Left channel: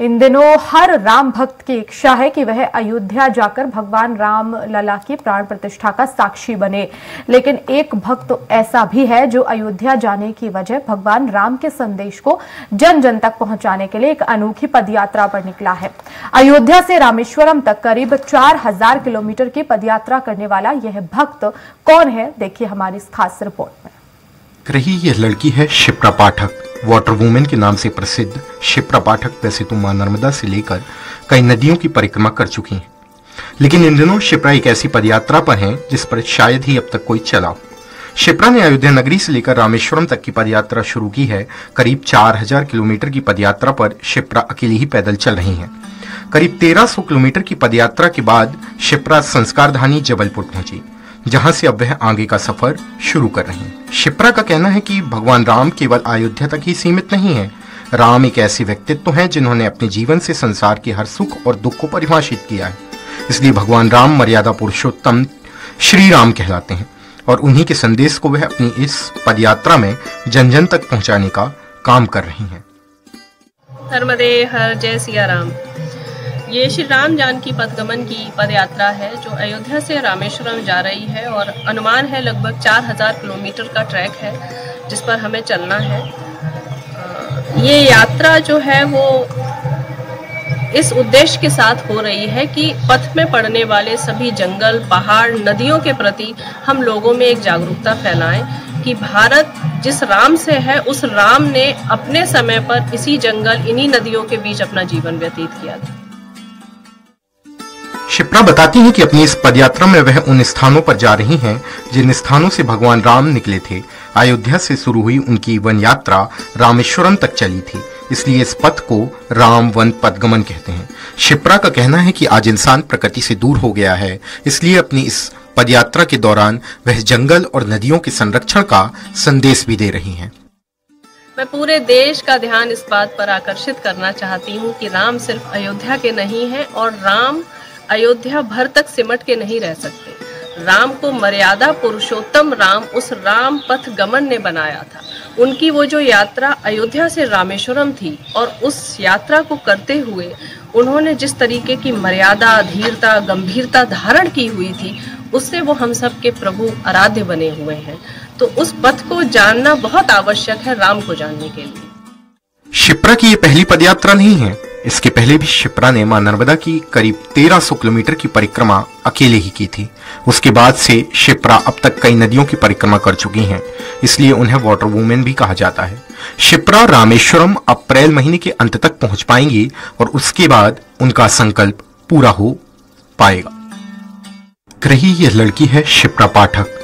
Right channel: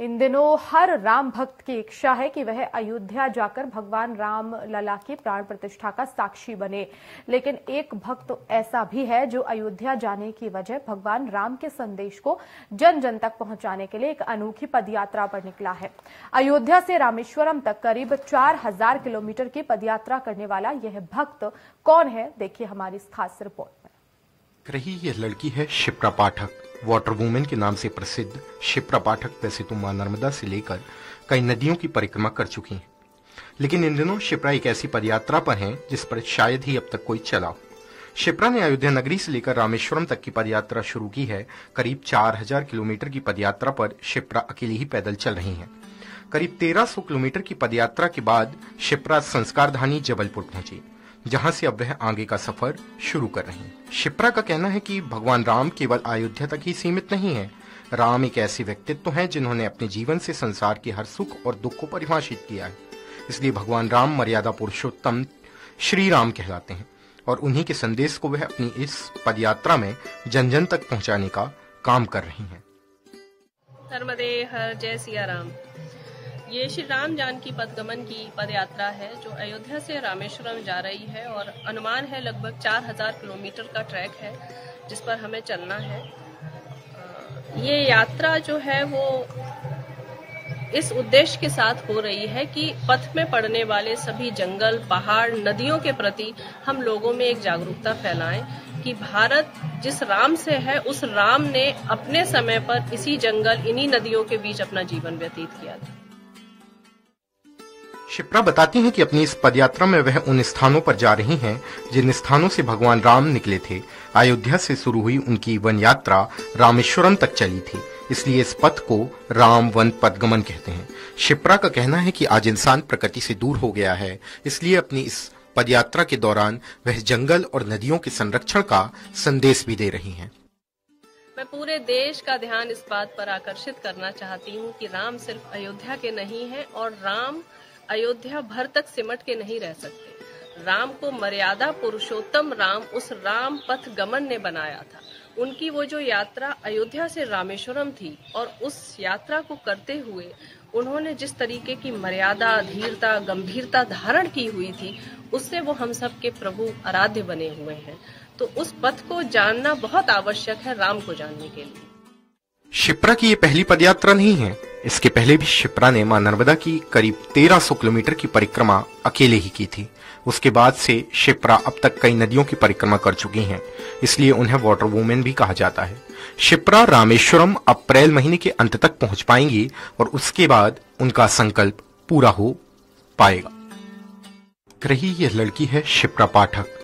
इन दिनों हर राम भक्त की इच्छा है कि वह अयोध्या जाकर भगवान राम लला की प्राण प्रतिष्ठा का साक्षी बने। लेकिन एक भक्त तो ऐसा भी है जो अयोध्या जाने की वजह भगवान राम के संदेश को जन जन तक पहुंचाने के लिए एक अनोखी पदयात्रा पर निकला है। अयोध्या से रामेश्वरम तक करीब 4000 किलोमीटर की पदयात्रा करने वाला यह भक्त कौन है, देखिए हमारी इस खास रिपोर्ट में। रही यह लड़की है शिप्रा पाठक। वाटर वुमेन के नाम से प्रसिद्ध शिप्रा पाठक वैसे तो मां नर्मदा से लेकर कई नदियों की परिक्रमा कर चुकी हैं, लेकिन इन दिनों शिप्रा एक ऐसी पदयात्रा पर हैं जिस पर शायद ही अब तक कोई चला हो। शिप्रा ने अयोध्या नगरी से लेकर रामेश्वरम तक की पदयात्रा शुरू की है। करीब 4000 किलोमीटर की पदयात्रा पर शिप्रा अकेली ही पैदल चल रही हैं। करीब 1300 किलोमीटर की पदयात्रा के बाद शिप्रा संस्कारधानी जबलपुर पहुंची, जहां से अब वह आगे का सफर शुरू कर रही हैं। शिप्रा का कहना है कि भगवान राम केवल अयोध्या तक ही सीमित नहीं है। राम एक ऐसे व्यक्तित्व हैं जिन्होंने अपने जीवन से संसार के हर सुख और दुख को परिभाषित किया है। इसलिए भगवान राम मर्यादा पुरुषोत्तम श्री राम कहलाते हैं और उन्हीं के संदेश को वह अपनी इस पदयात्रा में जन जन तक पहुंचाने का काम कर रही हैं। नर्मदे हर जय सिया राम। ये श्री राम जानकी पदगमन की पदयात्रा है जो अयोध्या से रामेश्वरम जा रही है और अनुमान है लगभग 4000 किलोमीटर का ट्रैक है जिस पर हमें चलना है। ये यात्रा जो है वो इस उद्देश्य के साथ हो रही है कि पथ में पड़ने वाले सभी जंगल, पहाड़, नदियों के प्रति हम लोगों में एक जागरूकता फैलाएं कि भारत जिस राम से है उस राम ने अपने समय पर इसी जंगल, इन्हीं नदियों के बीच अपना जीवन व्यतीत किया था। शिप्रा बताती हैं कि अपनी इस पदयात्रा में वह उन स्थानों पर जा रही हैं जिन स्थानों से भगवान राम निकले थे। अयोध्या से शुरू हुई उनकी वन यात्रा रामेश्वरम तक चली थी, इसलिए इस पथ को राम वन पदगमन कहते हैं। शिप्रा का कहना है कि आज इंसान प्रकृति से दूर हो गया है, इसलिए अपनी इस पदयात्रा के दौरान वह जंगल और नदियों के संरक्षण का संदेश भी दे रही हैं। मैं पूरे देश का ध्यान इस बात पर आकर्षित करना चाहती हूँ कि राम सिर्फ अयोध्या के नहीं है और राम अयोध्या भर तक सिमट के नहीं रह सकते। राम को मर्यादा पुरुषोत्तम राम उस राम पथ गमन ने बनाया था। उनकी वो जो यात्रा अयोध्या से रामेश्वरम थी और उस यात्रा को करते हुए उन्होंने जिस तरीके की मर्यादा, धीरता, गंभीरता धारण की हुई थी उससे वो हम सब के प्रभु आराध्य बने हुए हैं। तो उस पथ को जानना बहुत आवश्यक है राम को जानने के लिए। शिप्रा की ये पहली पदयात्रा नहीं है। इसके पहले भी शिप्रा ने मां नर्मदा की करीब 1300 किलोमीटर की परिक्रमा अकेले ही की थी। उसके बाद से शिप्रा अब तक कई नदियों की परिक्रमा कर चुकी हैं, इसलिए उन्हें वाटर वुमेन भी कहा जाता है। शिप्रा रामेश्वरम अप्रैल महीने के अंत तक पहुंच पाएंगी और उसके बाद उनका संकल्प पूरा हो पाएगा। रही यह लड़की है शिप्रा पाठक।